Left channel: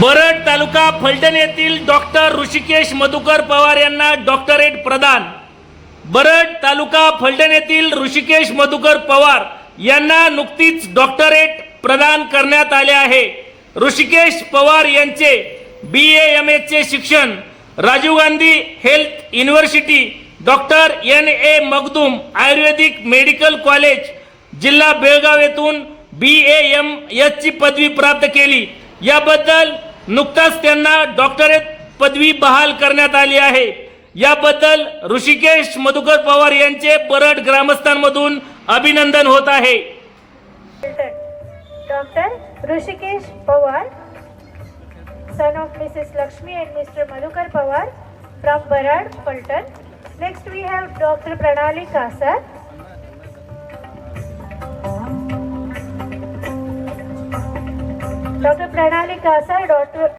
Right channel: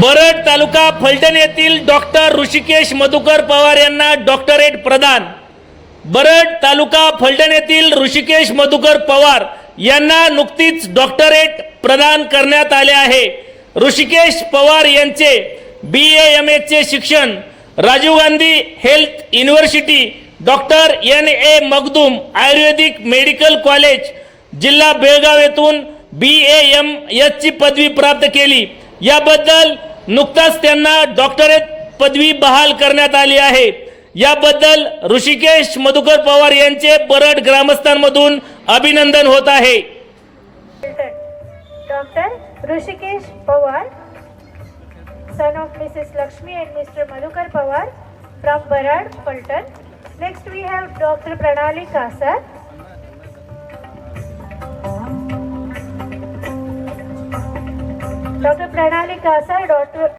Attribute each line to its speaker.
Speaker 1: बरड तालुका फलटण येथील डॉक्टर ऋषिकेश मधुकर पवार यांना डॉक्टरेट प्रदान. बरड तालुका फलटण येथील ऋषिकेश मधुकर पवार यांना नुकतीच डॉक्टरेट प्रदान करण्यात आले आहे. ऋषिकेश पवार यांचे बी एम एचे शिक्षण Rajiv Gandhi health university doctor N A Magdum Ayurvedic medical college जिल्हा बेळगाव येथून बी एम एचची पदवी प्राप्त केली. याबद्दल नुकताच त्यांना डॉक्टरेट पदवी बहाल करण्यात आली आहे. याबद्दल ऋषिकेश मधुकर पवार यांचे बरड ग्रामस्थांमधून अभिनंदन होत आहे.
Speaker 2: Doctor Rishikesh Pawar son of Mrs Lakshmi and Mr Madhukar Pawar from Barad Phaltan next we have doctor Pranali Kasar doctor પ્રણાલી કાસા ડોક્ટર